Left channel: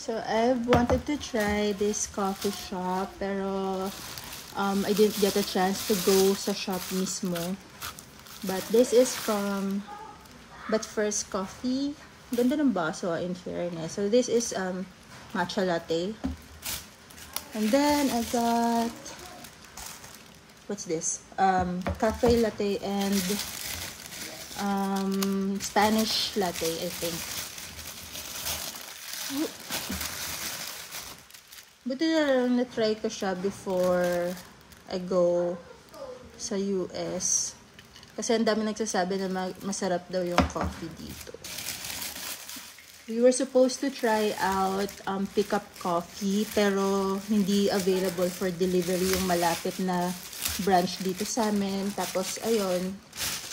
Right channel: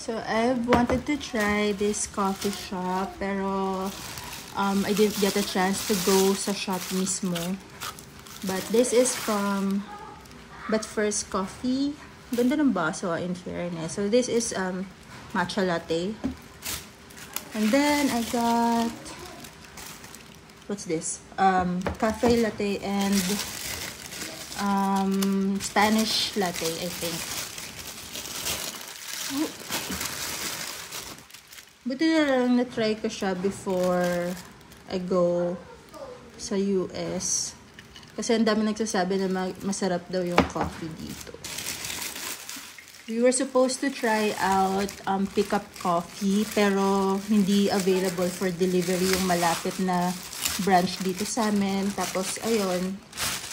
So I wanted to try this coffee shop, pero I didn't get a chance to go sa shop mismo. But this is from But First Coffee. Ganda ng baso, in fairness. So this is matcha latte. And then I got, what's this? Cafe latte and Spanish latte, I think. Buti na lang na-try ko siya before I go sa US. Kasi ang dami nagsasabi na masarap daw yung coffee dito. We were supposed to try out pickup coffee, pero hindi available for delivery yung malapit na branch dito sa amin. Tapos, ayun,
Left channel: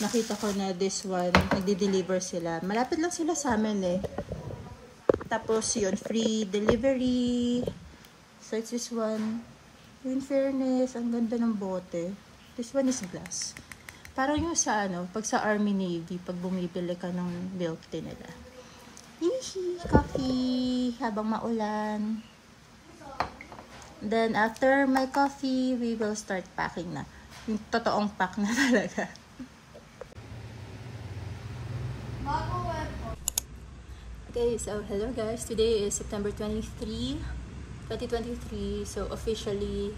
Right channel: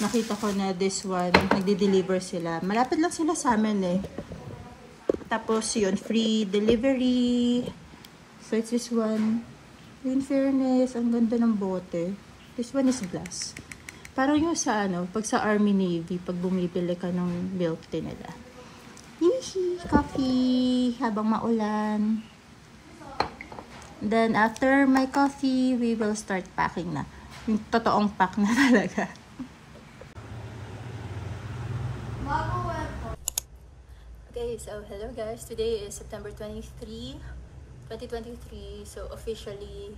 nakita ko na this one, nagdi-deliver sila. Malapit lang sila sa amin eh. Tapos, yun, free delivery. So, it's this one. In fairness, ang ganda ng bote. This one is glass. Parang yung sa pag sa Army Navy, pag bumibili ka ng milk tea nila. Hihi, coffee habang maulan. Then after my coffee, we will start packing na. Yung totoong pack na talaga. Okay, so hello guys. Today is September 23, 2023. So officially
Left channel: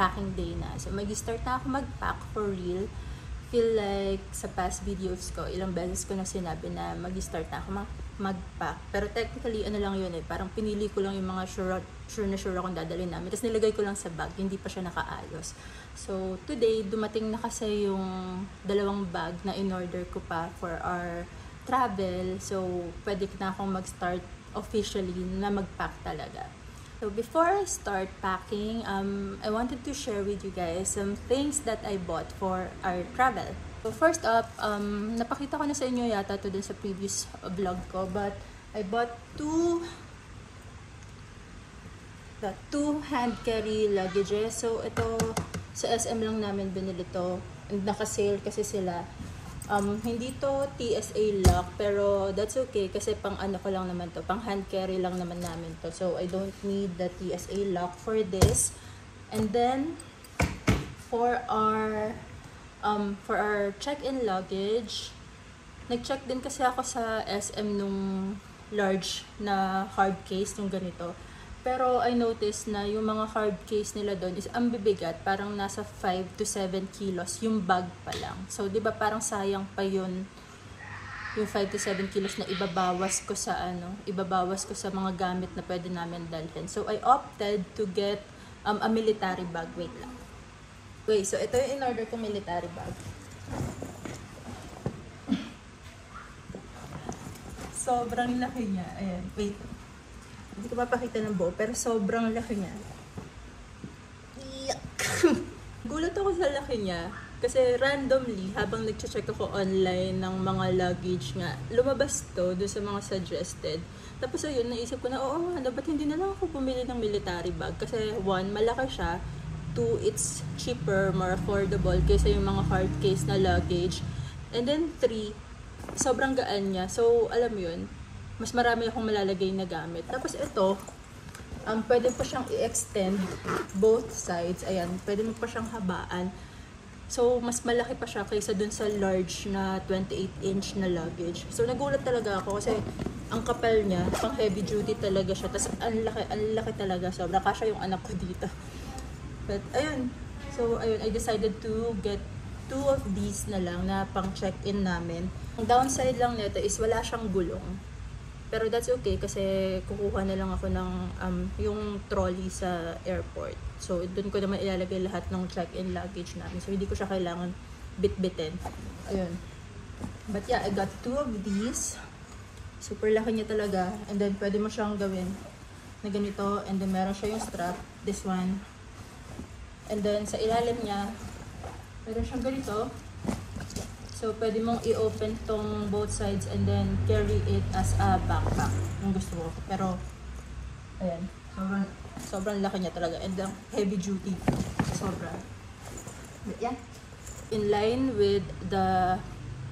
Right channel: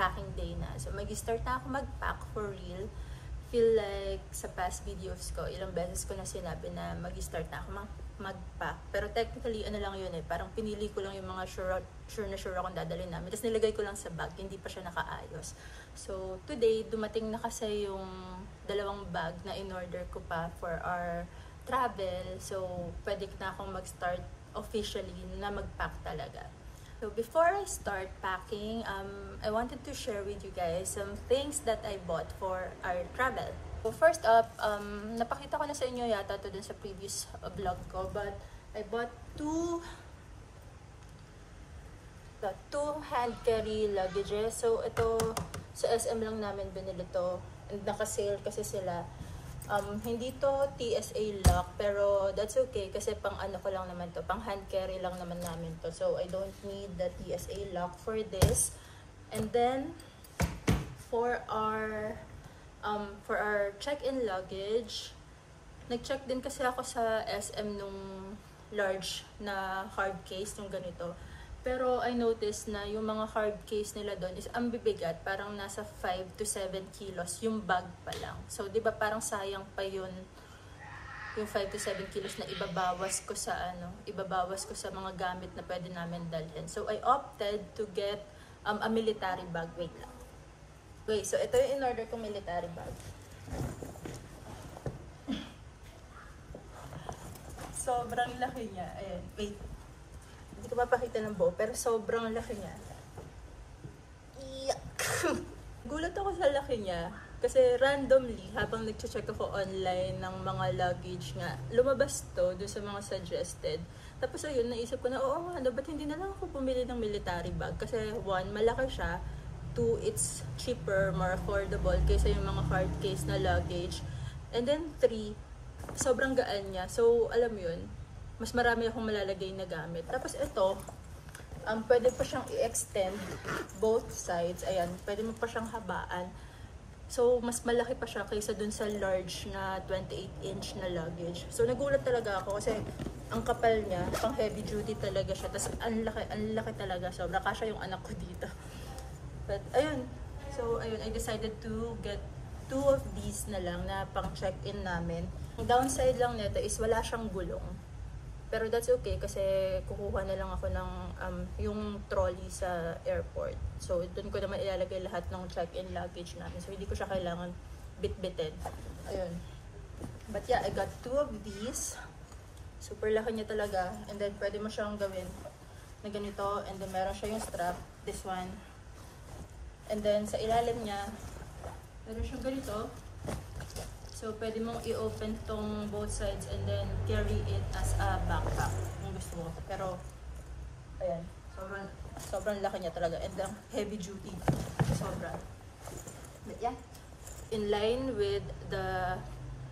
packing day na. So mag-start na ako mag-pack for real. Feel like sa past videos ko, ilang beses ko na sinabi na mag-start na ako mag-pack. Pero technically, ano lang yun eh, parang pinili ko lang yung mga sure akong dadalhin namin. Tapos nilagay ko lang sa bag, hindi pa siya nakaayos. So today, dumating na kasi yung dalawang bag na in-order ko pa for our travel. So pwede na akong mag-start officially na mag-pack talaga. So before I start packing, I wanted to share with you guys some things that I bought for our travel. So first up, napakita ko na sa inyo yata to dun sa previous vlog ko, but I bought two hand carry luggages. So ito sa SM lang namin binili to, and naka-sale kasi sila. Hindi to TSA lock, pero that's okay kasi pang ano ko lang naman to, pang hand carry lang naman namin to. So I don't need the TSA lock for this. And then for our check-in luggage, nag-check din kasi ako sa SM nung large na hard case, yung ganito. Pero I noticed na yung mga hard case nila doon is ang bibigat, parang nasa 5 to 7 kilos yung bag pa lang. So, di ba parang sayang pa yun, yung 5 to 7 kilos na ibabawas ko sa mga gamit na pwede namin dalhin. So, I opted to get a military bag. Wait lang. Okay, so ito yung in-order kong military bag. Sobrang laki niya. Ayan, wait. Hindi ko mapakita ng buo, pero sobrang laki niya. Gulat ako sa laki niya. Kasi randomly, habang nag-check ako online ng mga luggage nga, lumabas to doon sa mga suggested. Tapos ayun, naisip ko na, oo nga, ba't hindi na lang ako bumili ng military bag? Kasi one, malaki siya. Two, it's cheaper, more affordable kaysa yung mga hard case na luggage. And then three, sobrang gaan niya. So, alam yun, mas marami akong malalagay na gamit. Tapos ito, pwede pa siyang i-extend both sides. Ayan, pwede mo pa siyang habaan. So, mas malaki pa siya kaysa dun sa large na 28-inch na luggage. So, nagulat talaga ako kasi ang kapal niya, pang heavy duty talaga siya. Tapos, ang laki talaga. Sobra kasya yung anak ko dito. But, ayun. So, ayun, I decided to get two of these na lang na pang check-in namin. Ang downside lang nito is wala siyang gulong. Pero that's okay kasi kukuha na lang ako ng yung trolley sa airport. So, doon ko naman ilalagay lahat ng check-in luggage namin. So, hindi ko siya kailangan bit-bitin. Ayun. But yeah, I got two of these. Super laki niya talaga. And then, pwede mo siyang gawin na ganito. And then, meron siya yung strap. This one. And then, sa ilalim niya, meron siyang ganito. So, pwede mong i-open tong both sides and then carry it as a backpack kung gusto mo. Pero, ayan. Sobrang laki niya talaga. And heavy duty. Sobrang. But yeah. in line with the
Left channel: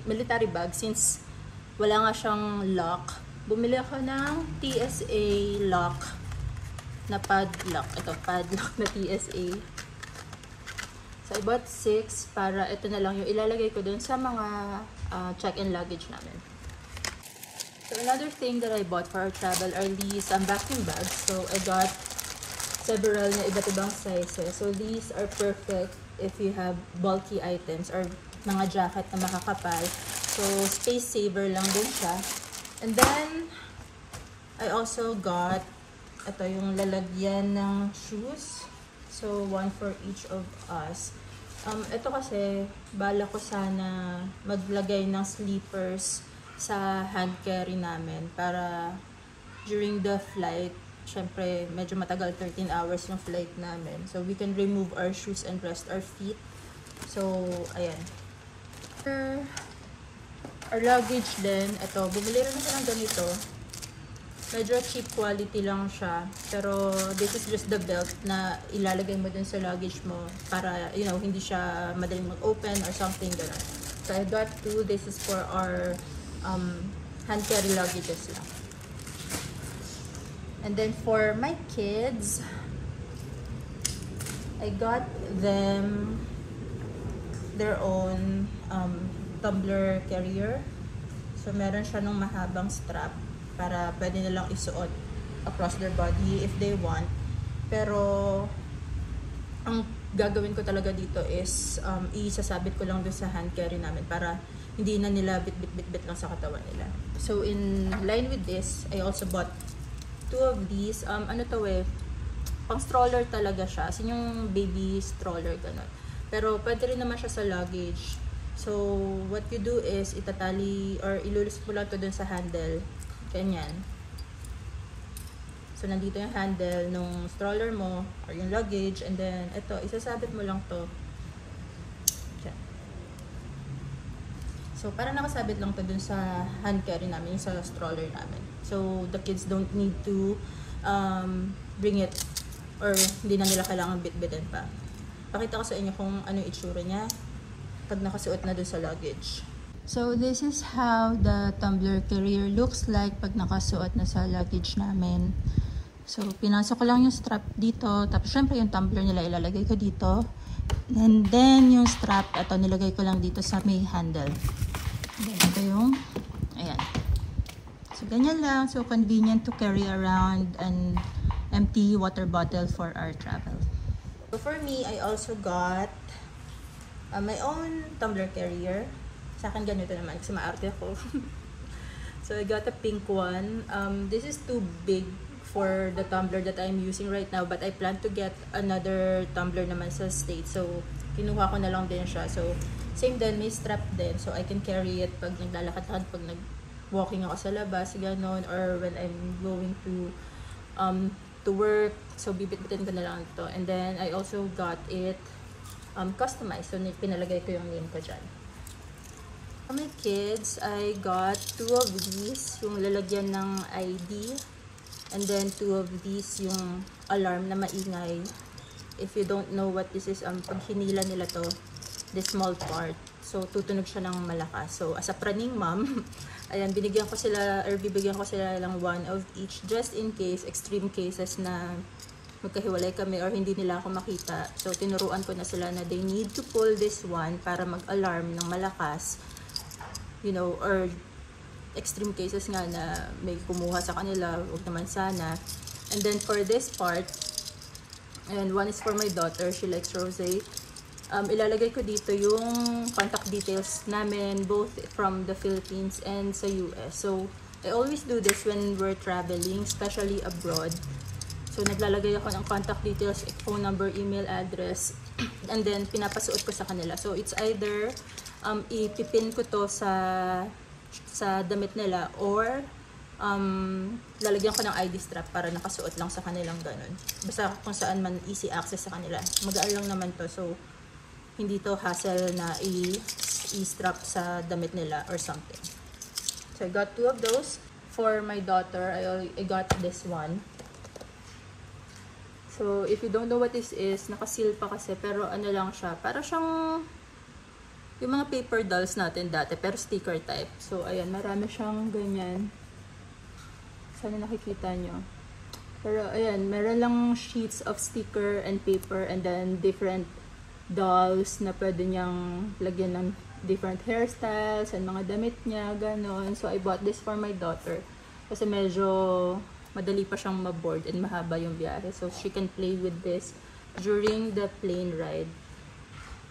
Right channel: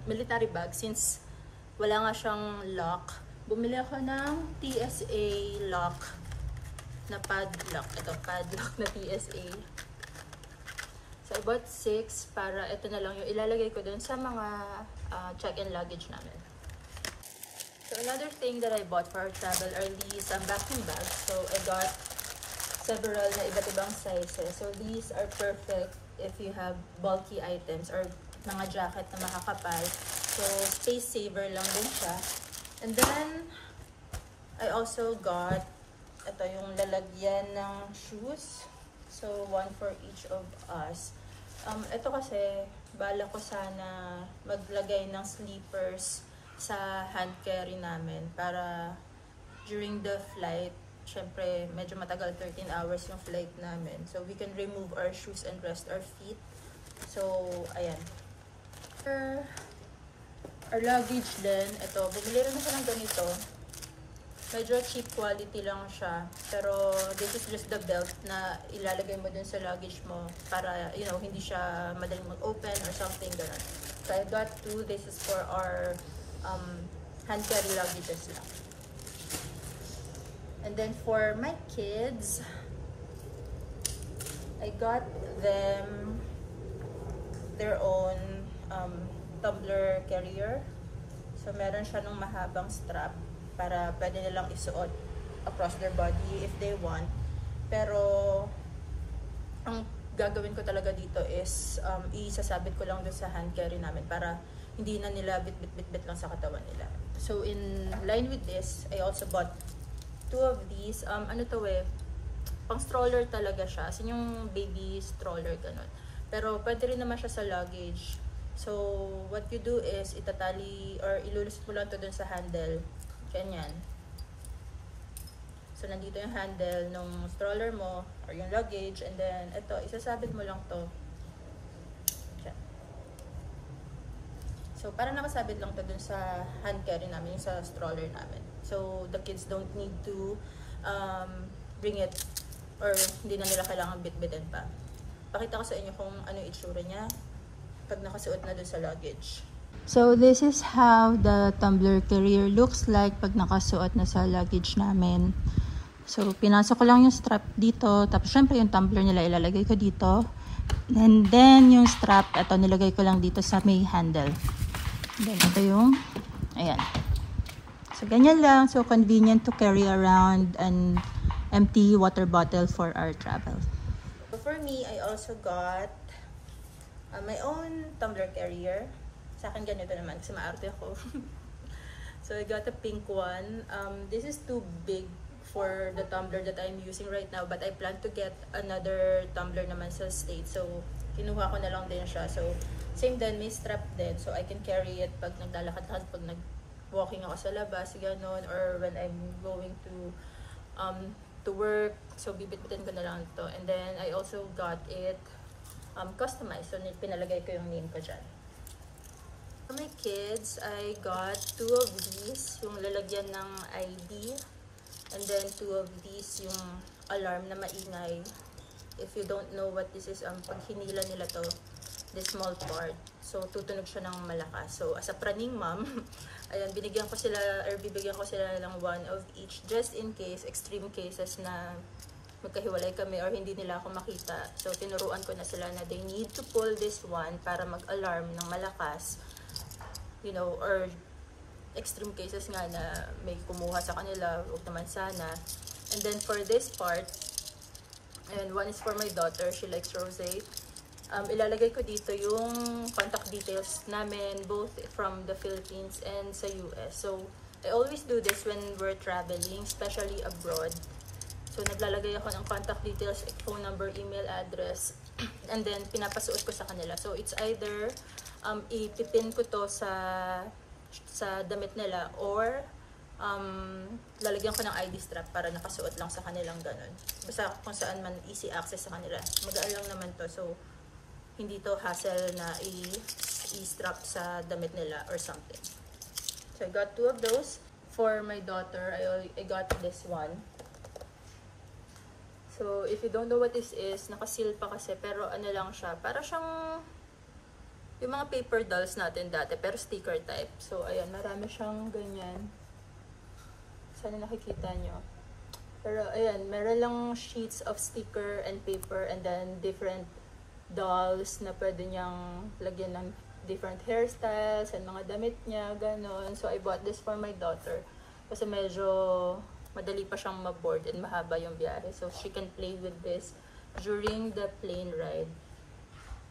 military bag, since wala nga siyang lock, bumili ako ng TSA lock na padlock. Ito, padlock na TSA. So, I bought 6 para ito na lang yung ilalagay ko dun sa mga check-in luggage namin. So, another thing that I bought for our travel are these vacuum bags. So, I got several na iba't ibang sizes. So, these are perfect if you have bulky items or mga jacket na makakapal. So, space saver lang din siya. And then, I also got ito yung lalagyan ng shoes. So, one for each of us. Ito kasi, bala ko sana maglagay ng sleepers sa hand carry namin para during the flight, syempre medyo matagal, 13 hours yung flight namin. So, we can remove our shoes and rest our feet. So, ayan. For our luggage din, ito, bumili rin ako ng ganito. Medyo cheap quality lang siya. Pero, this is just the belt na ilalagay mo dun sa luggage mo para, you know, hindi siya madaling mag-open or something gano'n. So, I got 2. This is for our hand carry luggages lang. And then, for my kids, I got them their own tumbler carrier. So, meron siya nung mahabang strap para pwede nilang isuot across their body if they want. Pero, ang gagawin ko talaga dito is isasabit ko lang dun sa hand carry namin para hindi na nila bit lang sa katawan nila. So, in line with this, I also bought 2 of these. Ano to eh, pang stroller talaga siya. As in yung baby stroller, gano'n. Pero, pwede rin naman siya sa luggage. So, what you do is, itatali or ilulus mo lang to dun sa handle. Ganyan. So, nandito yung handle nung stroller mo or yung luggage. And then, ito, isasabit mo lang to. Diyan. So, para nakasabit lang to dun sa hand carry namin, yung sa stroller namin. So, the kids don't need to bring it or hindi na nila kailangan bit-bitin pa. Pakita ko sa inyo kung ano yung itsura niya pag nakasuot na dun sa luggage. So, this is how the tumbler carrier looks like pag nakasuot na sa luggage namin. So, pinasok ko lang yung strap dito. Tapos, syempre, yung tumbler nila ilalagay ko dito. And then, yung strap, ito, nilagay ko lang dito sa may handle. Then, ito yung, ayan. So, ganyan lang. So, convenient to carry around an empty water bottle for our travel. So, for me, I also got my own tumbler carrier. Sa akin ganito naman kasi maarte ako. So, I got a pink one. This is too big for the tumbler that I'm using right now, but I plan to get another tumbler naman sa States. So, kinuha ko na lang din siya. So, same din, may strap din. So, I can carry it pag naglalakad-lakad, pag nag-walking ako sa labas, gano'n, or when I'm going to work. So, bibit-bitin ko na lang ito. And then, I also got it customized. So, pinalagay ko yung name ko dyan. For my kids, I got 2 of these, yung lalagyan ng ID, and then 2 of these, yung alarm na maingay. If you don't know what this is, pag hinila nila to, this small part, so tutunog siya ng malakas. So, as a praning mom, ayan, bibigyan ko sila lang 1 of each, just in case, extreme cases na magkahiwalay kami or hindi nila ako makita. So, tinuruan ko na sila na they need to pull this one para mag-alarm ng malakas. You know, or extreme cases nga na may kumuha sa kanila, huwag naman sana. And then for this part, and one is for my daughter, she likes rosé. Ilalagay ko dito yung contact details namin, both from the Philippines and sa US. So, I always do this when we're traveling, especially abroad. So, naglalagay ako ng contact details, phone number, email address, and then pinapasuot ko sa kanila. So, it's either ipipin ko to sa damit nila or lalagyan ko ng ID strap para nakasuot lang sa kanilang ganun. Basta kung saan man easy access sa kanila. Magaan lang naman to. So, hindi to hassle na i-strap sa damit nila or something. So, I got 2 of those. For my daughter, I got this one. So, if you don't know what this is, nakaseal pa kasi, pero ano lang siya, para siyang yung mga paper dolls natin dati, pero sticker type. So, ayan, marami siyang ganyan. Sana nakikita nyo. Pero, ayan, meron lang sheets of sticker and paper and then different dolls na pwede niyang lagyan ng different hairstyles and mga damit niya, ganon. So, I bought this for my daughter. Kasi medyo madali pa siyang maboard and mahaba yung biyahe. So, she can play with this during the plane ride.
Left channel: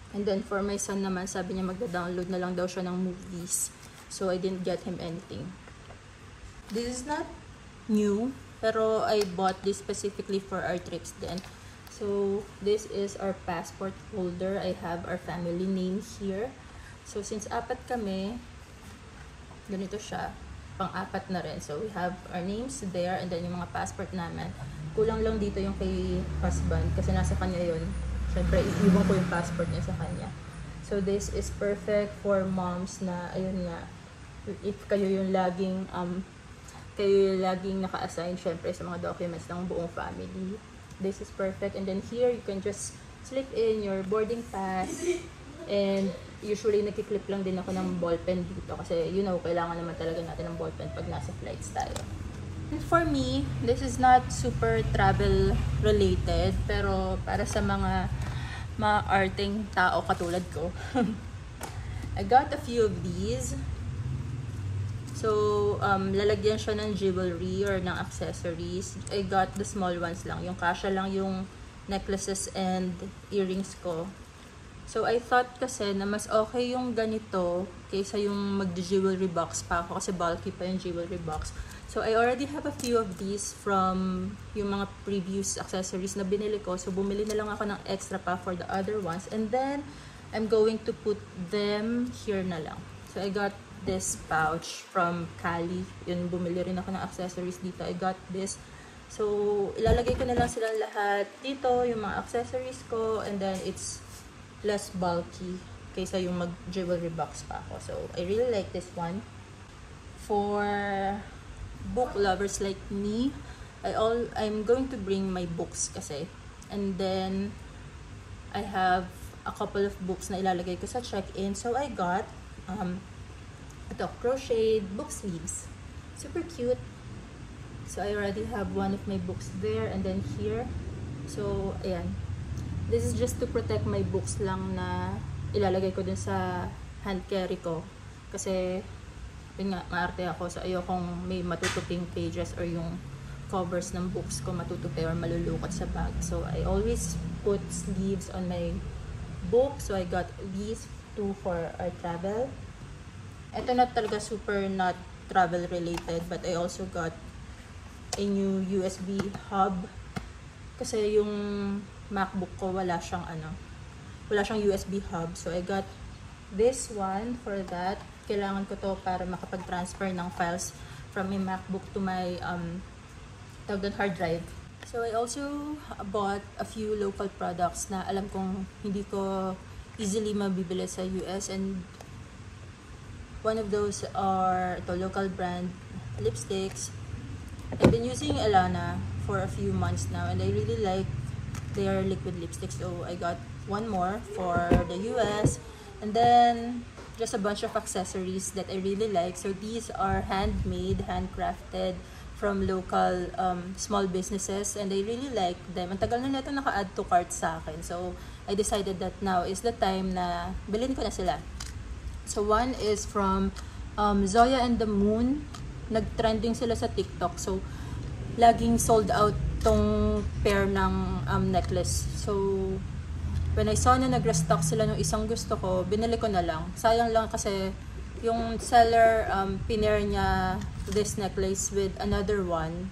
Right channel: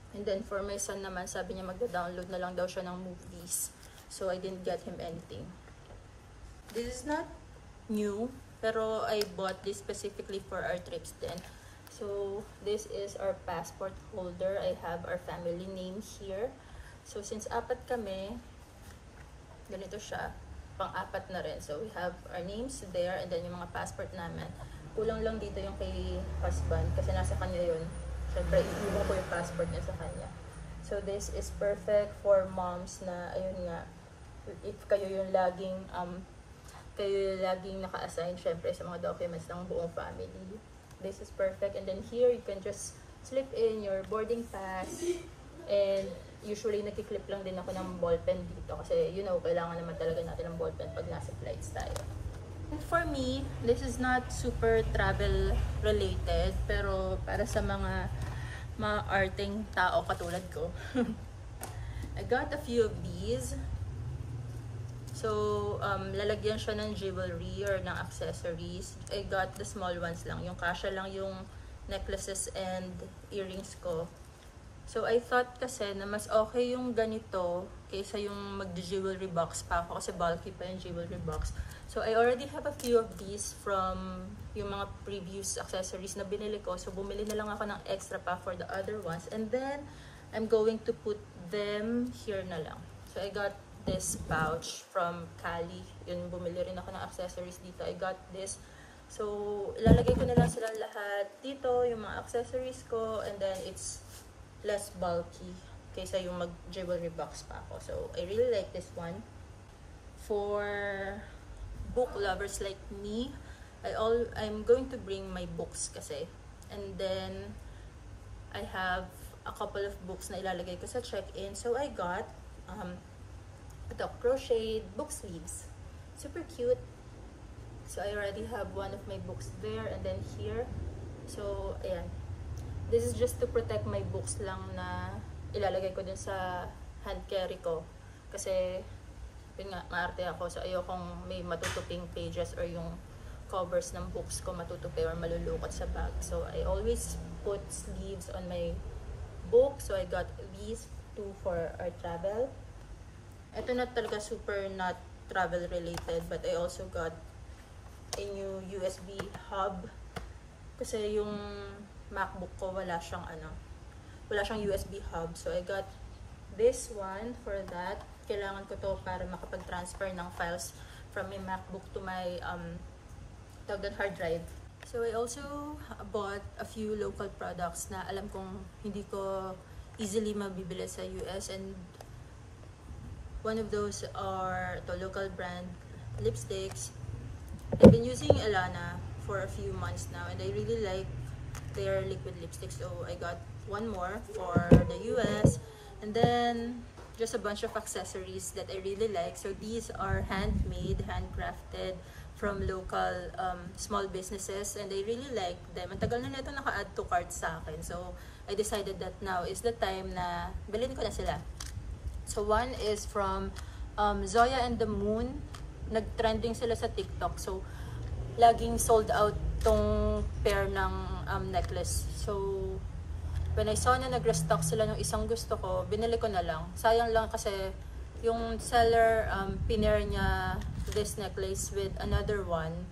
And then, for my son naman, sabi niya magda-download na lang daw siya ng movies. So, I didn't get him anything. This is not new, pero I bought this specifically for our trips then. So, this is our passport holder. I have our family names here. So, since apat kami, ganito siya. Pang-apat na rin. So, we have our names there and then yung mga passport namin. Kulang lang dito yung kay husband kasi nasa kanya yun. Siyempre, iiwan ko yung passport niya sa kanya. So, this is perfect for moms na, ayun nga, if kayo yung laging naka-assign, syempre, sa mga documents ng buong family. This is perfect. And then here, you can just slip in your boarding pass. And usually, nagkiklip lang din ako ng ballpen dito. Kasi, you know, kailangan naman talaga natin ng ballpen pag nasa flights tayo. And for me, this is not super travel related, pero para sa mga arting tao katulad ko, I got a few of these. So, lalagyan siya ng jewelry or ng accessories. I got the small ones lang. Yung kasya lang yung necklaces and earrings ko. So, I thought kasi na mas okay yung ganito kaysa yung mag-jewelry box pa ako kasi bulky pa yung jewelry box. So, I already have a few of these from yung mga previous accessories na binili ko. So, bumili na lang ako ng extra pa for the other ones. And then, I'm going to put them here na lang. So, I got this pouch from Cali. Yun, bumili rin ako ng accessories dito. I got this. So, ilalagay ko na lang silang lahat dito, yung mga accessories ko. And then, it's less bulky kaysa yung mag-jewelry box pa ako. So, I really like this one. For book lovers like me, I'm going to bring my books kasi. And then, I have a couple of books na ilalagay ko sa check-in. So, I got ito, crocheted book sleeves. Super cute. So, I already have one of my books there. And then here. So, ayan. This is just to protect my books lang na ilalagay ko dun sa hand carry ko. Kasi, yun nga, maarte ako. So, ayokong may matutuping pages or yung covers ng books ko matutupi or malulukot sa bag. So, I always put sleeves on my book. So, I got these two for our travel. Ito na talaga super not travel related. But I also got a new USB hub. Kasi yung MacBook ko wala siyang USB hub. So, I got this one for that. Kailangan ko to para makapag-transfer ng files from my MacBook to my hard drive. So, I also bought a few local products na alam kong hindi ko easily mabibili sa US. And one of those are the local brand lipsticks. I've been using Elana for a few months now and I really like their liquid lipsticks. So, I got one more for the US. And then, just a bunch of accessories that I really like. So, these are handmade, handcrafted from local small businesses. And I really like them. Ang tagal na nito naka-add to cart sa akin. So, I decided that now is the time na bilhin ko na sila. So, one is from Zoya and the Moon. Nag-trending sila sa TikTok. So, laging sold out tong pair ng necklace. So, when I saw na nag-restock sila ng isang gusto ko, binili ko na lang. Sayang lang kasi yung seller pinair niya this necklace with another one.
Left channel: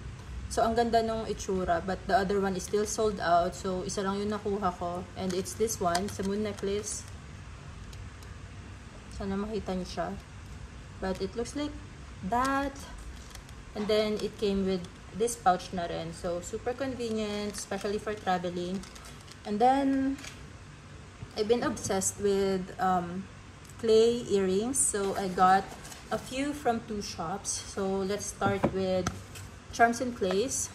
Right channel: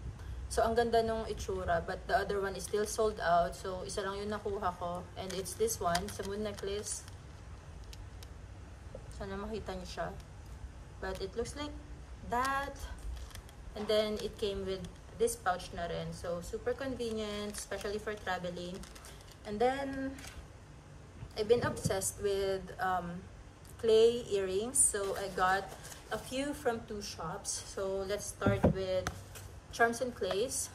So, ang ganda nung itsura. But the other one is still sold out. So, isa lang yung nakuha ko. And it's this one, sa moon necklace. Sana makita niyo siya. But it looks like that. And then, it came with this pouch na rin. So, super convenient, especially for traveling. And then, I've been obsessed with clay earrings. So, I got a few from two shops. So, let's start with Charms and Clays.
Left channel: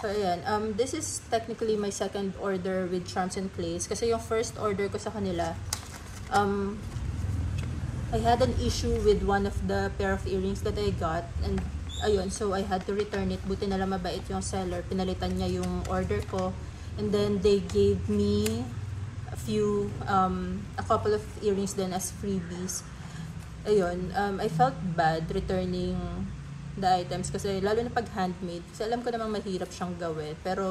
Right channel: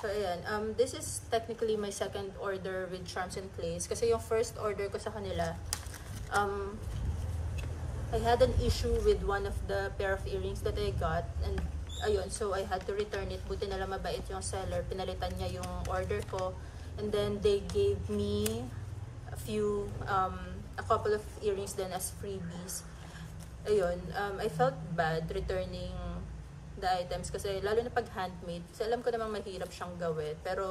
So, ayan. This is technically my second order with Charms and Clays. Kasi yung first order ko sa kanila, I had an issue with one of the pair of earrings that I got, and ayun, so I had to return it. Buti na lang mabait yung seller, pinalitan niya yung order ko, and then they gave me a couple of earrings then as freebies. Ayun, I felt bad returning the items kasi lalo na pag handmade, kasi alam ko namang mahirap siyang gawin, pero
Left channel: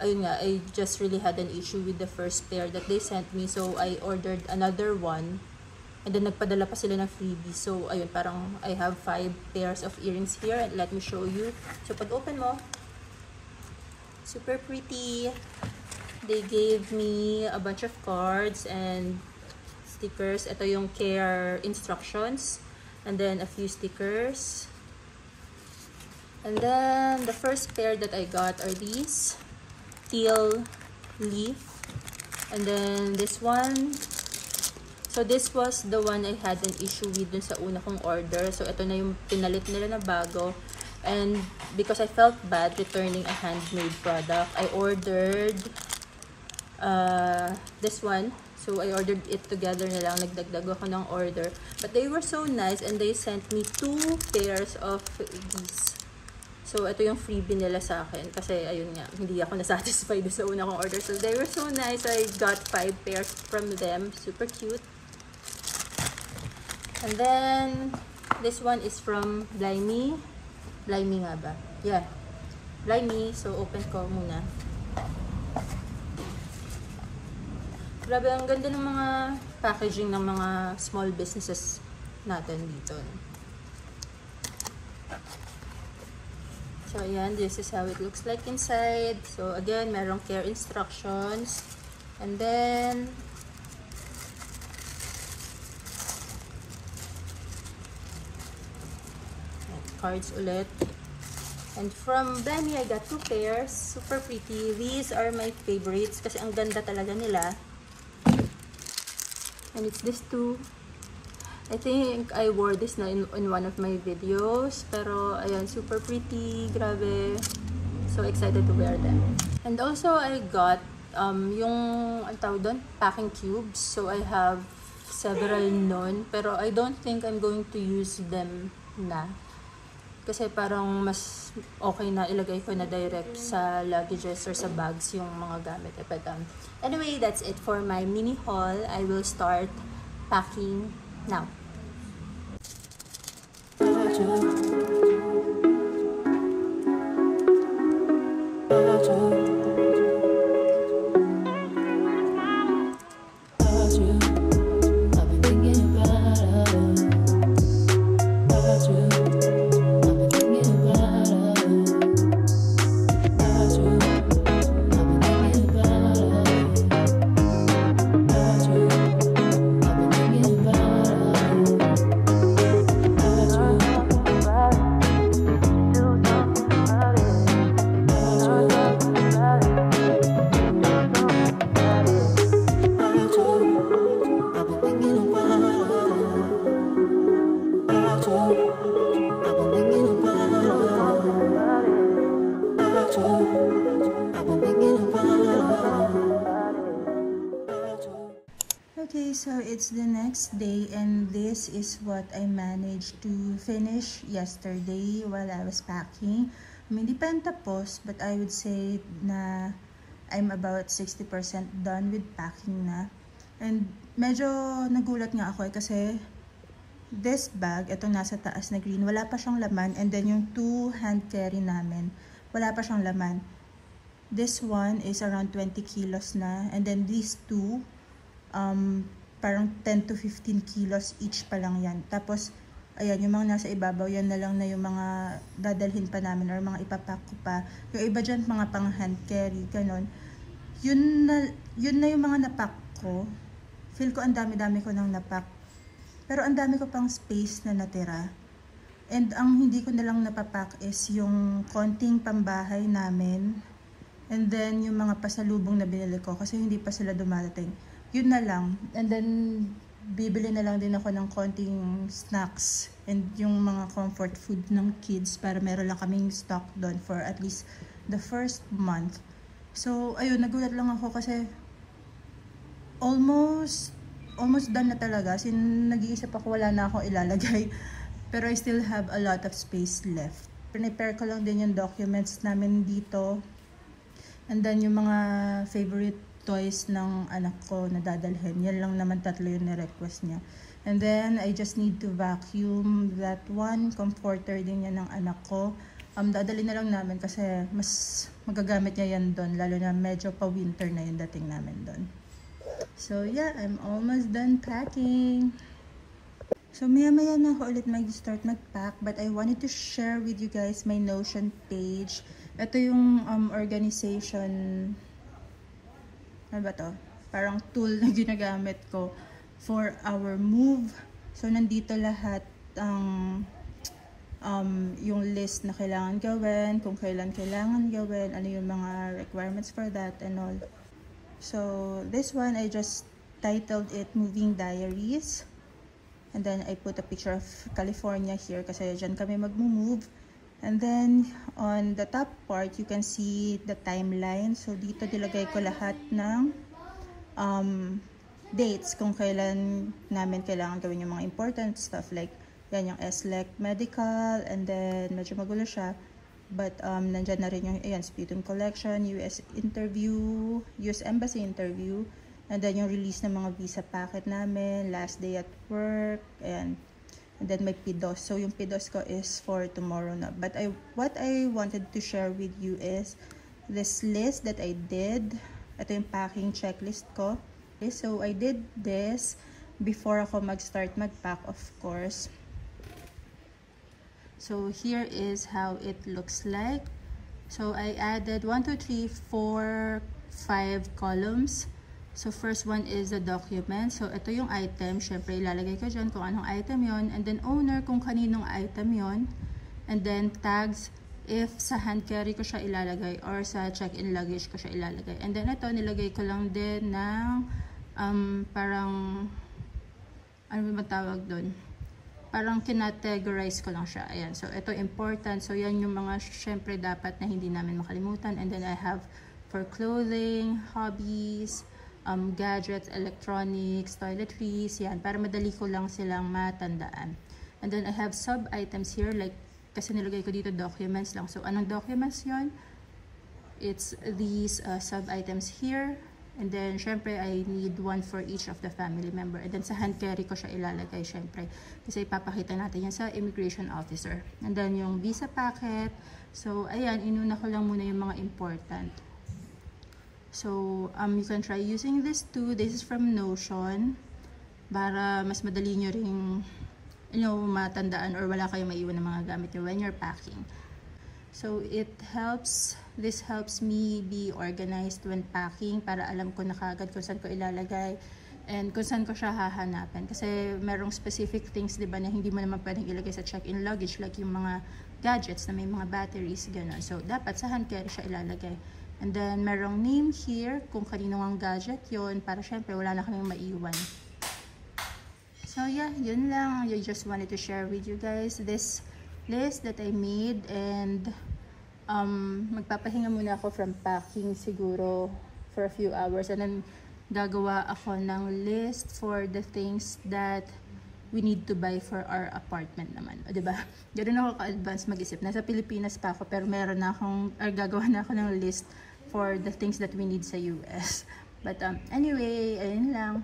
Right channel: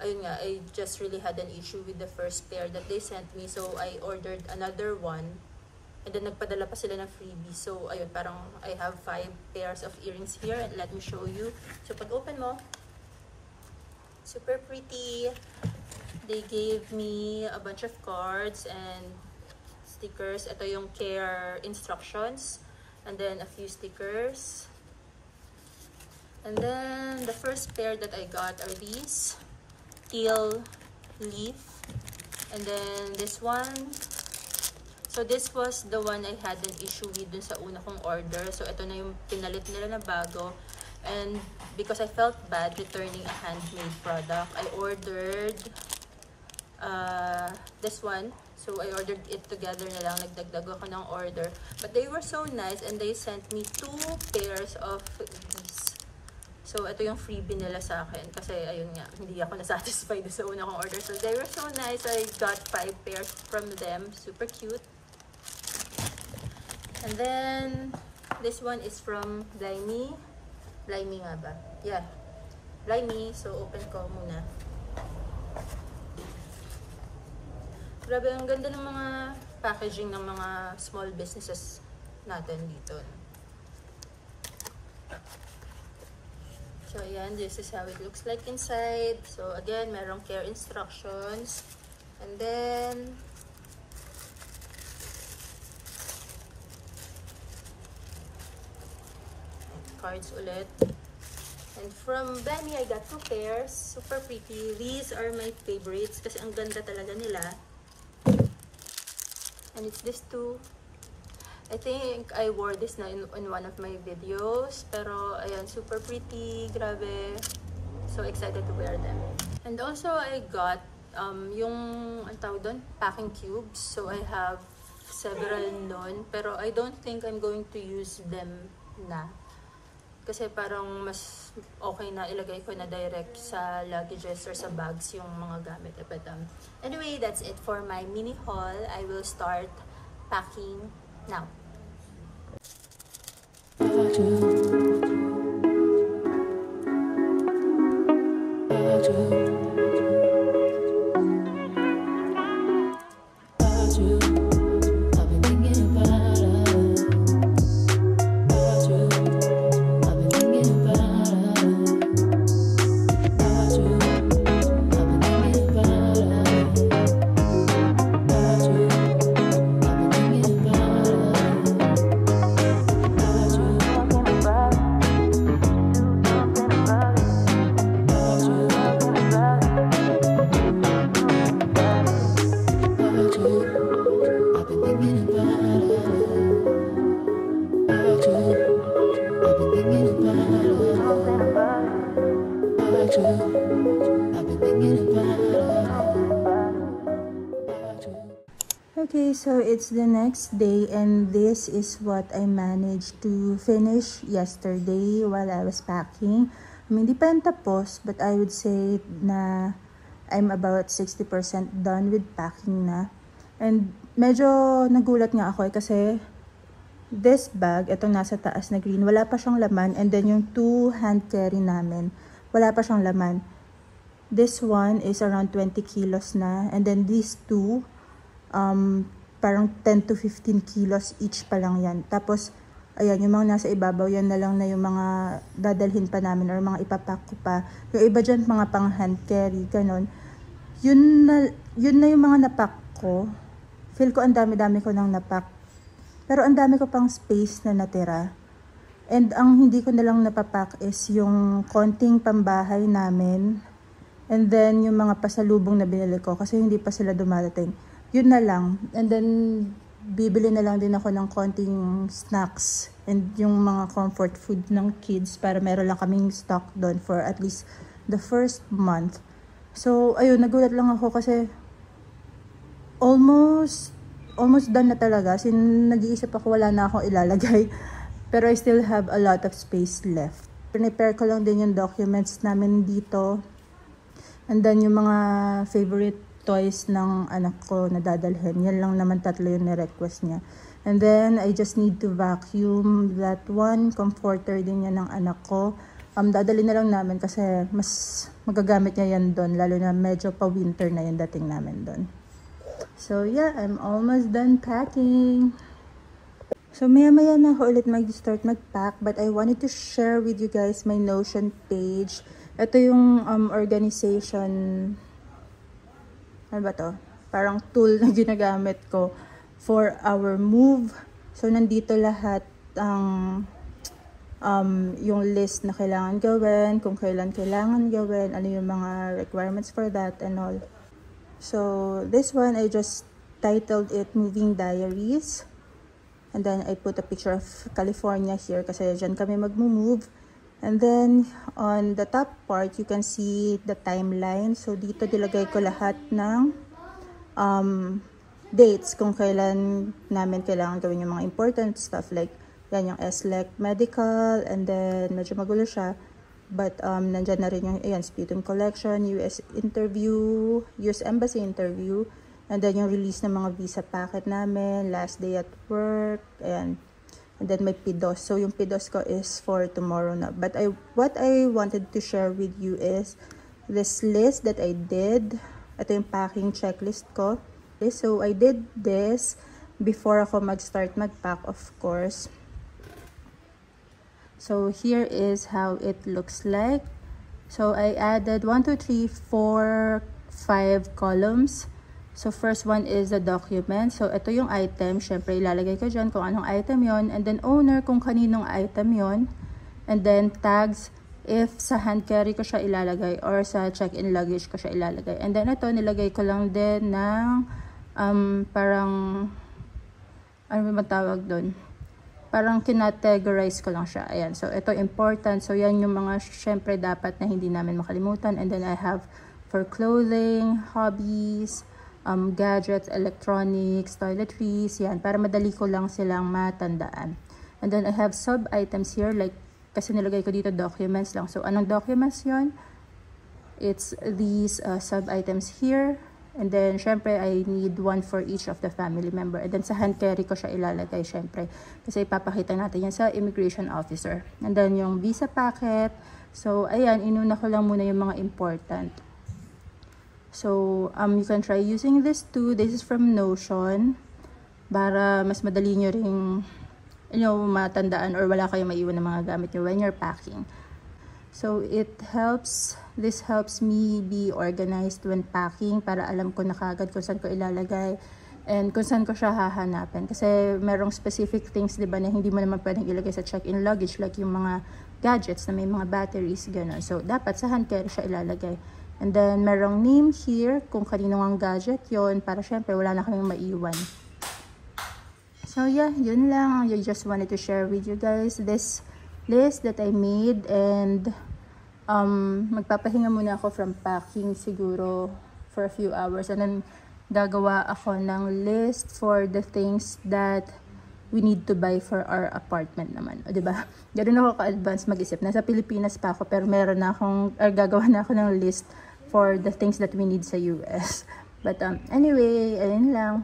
ayun nga, I just really had an issue with the first pair that they sent me, so I ordered another one, and then nagpadala pa sila ng freebie. So ayun, parang I have 5 pairs of earrings here, and let me show you. So pag open mo, super pretty. They gave me a bunch of cards and stickers. Ito yung care instructions, and then a few stickers. And then the first pair that I got are these teal leaf, and then this one. So this was the one I had an issue with dun sa una kong order. So ito na yung pinalit nila na bago. And because I felt bad returning a handmade product, I ordered this one. So I ordered it together na lang. Nagdagdag ako ng order. But they were so nice, and they sent me 2 pairs of these. So ito yung freebie nila sa akin. Kasi ayun nga, hindi ako nasatisfied sa una kong order. So they were so nice. I got 5 pairs from them. Super cute. And then, this one is from Blimey. Blimey nga ba? Yeah. Blimey. So, open ko muna. Grabe, ang ganda ng mga packaging ng mga small businesses natin dito. So, ayan. This is how it looks like inside. So, again, merong care instructions. And then, cards ulit. And from Blimey, I got 2 pairs. Super pretty. These are my favorites kasi ang ganda talaga nila. And it's this 2. I think I wore this na in one of my videos. Pero, ayan, super pretty. Grabe. So excited to wear them. And also, I got yung, ang tawag doon, packing cubes. So, I have several nun. Pero, I don't think I'm going to use them na. Kasi parang mas okay na ilagay ko na direct sa luggages or sa bags yung mga gamit. But anyway, that's it for my mini haul. I will start packing now. Okay, so it's the next day, and this is what I managed to finish yesterday while I was packing. I mean, di pa yan tapos, but I would say na I'm about 60% done with packing na. And medyo nagulat nga ako kasi this bag, itong nasa taas na green, wala pa siyang laman. And then yung 2 hand carry namin, wala pa siyang laman. This one is around 20 kilos na. And then these 2, parang 10 to 15 kilos each pa lang yan. Tapos, ayan, yung mga nasa ibabaw, yan na lang na yung mga dadalhin pa namin or mga ipapack ko pa. Yung iba dyan, mga pang hand carry, ganun. Yun na yung mga napack ko. Feel ko ang dami-dami ko nang napack. Pero ang dami ko pang space na natira. And ang hindi ko na lang napapack is yung konting pambahay namin. And then, yung mga pasalubong na binili ko kasi hindi pa sila dumadating. Yun na lang. And then, bibili na lang din ako ng konting snacks and yung mga comfort food ng kids para meron lang kaming stock doon for at least the first month. So, ayun, nagulat lang ako kasi almost almost done na talaga. Nag-iisip ako, wala na akong ilalagay. Pero I still have a lot of space left. Prepare ko lang din yung documents namin dito. And then yung mga favorite toys ng anak ko na dadalhin. Yan lang naman 3 yung ni-request niya. And then I just need to vacuum that one. Comforter din yan ng anak ko. Dadalhin na lang namin kasi mas magagamit niya yan doon. Lalo na medyo pa-winter na yung dating namin doon. So yeah, I'm almost done packing. So maya-maya na ako ulit mag-start mag-pack. But I wanted to share with you guys my Notion page. Ito yung organization, ano ba to? Parang tool na ginagamit ko for our move. So nandito lahat ang yung list na kailangan gawin, kung kailan kailangan gawin, ano yung mga requirements for that and all. So this one I just titled it Moving Diaries. And then I put a picture of California here kasi dyan kami mag-move. And then, on the top part, you can see the timeline. So, dito nilagay ko lahat ng dates kung kailan namin kailangan gawin yung mga important stuff. Like, yan yung SLEC medical, and then medyo magulo siya. But, nandyan na rin yung, ayan, sputum collection, US interview, US Embassy interview, and then yung release ng mga visa packet namin, last day at work, ayan. And then may PIDOS. So yung PIDOS ko is for tomorrow na. But what I wanted to share with you is this list that I did. Ito yung packing checklist ko. Okay, so I did this before ako mag-start mag-pack, of course. So here is how it looks like. So I added 1, 2, 3, 4, 5 columns. So, first one is the document. So, ito yung item. Siyempre, ilalagay ko dyan kung anong item yon. And then, owner kung kaninong item yon. And then, tags if sa hand carry ko siya ilalagay or sa check-in luggage ko siya ilalagay. And then, ito, nilagay ko lang din ng parang, ano ba tawag doon? Parang kinategorize ko lang siya. Ayan. So, ito important. So, yan yung mga siyempre dapat na hindi namin makalimutan. And then, I have for clothing, hobbies, gadgets, electronics, toiletries, yan, para madali ko lang silang matandaan. And then I have sub-items here, like, kasi nilagay ko dito documents lang. So, anong documents yon? It's these sub-items here. And then, syempre, I need one for each of the family member. And then, sa hand carry ko siya ilalagay, syempre. Kasi ipapakita natin yan sa immigration officer. And then, yung visa packet. So, ayan, inuna ko lang muna yung mga important. So, you can try using this too. This is from Notion. Para mas madali nyo ring, matandaan or wala kayong maiwan ng mga gamit nyo when you're packing. So, this helps me be organized when packing para alam ko na kagad kung saan ko ilalagay and kung saan ko siya hahanapin. Kasi merong specific things, diba, na hindi mo naman pwedeng ilagay sa check-in luggage like yung mga gadgets na may mga batteries, gano'n. So, dapat sa hand carry siya ilalagay. And then, merong name here kung kanino ang gadget yon para syempre wala na kayong maiwan. So, yeah, yun lang. I just wanted to share with you guys this list that I made. And, magpapahinga muna ako from packing siguro for a few hours. And then, gagawa ako ng list for the things that we need to buy for our apartment naman. O, diba? Ganun ako ka-advance mag-isip. Nasa Pilipinas pa ako pero meron na akong, gagawa na ako ng list for the things that we need sa US. But anyway, ayun lang.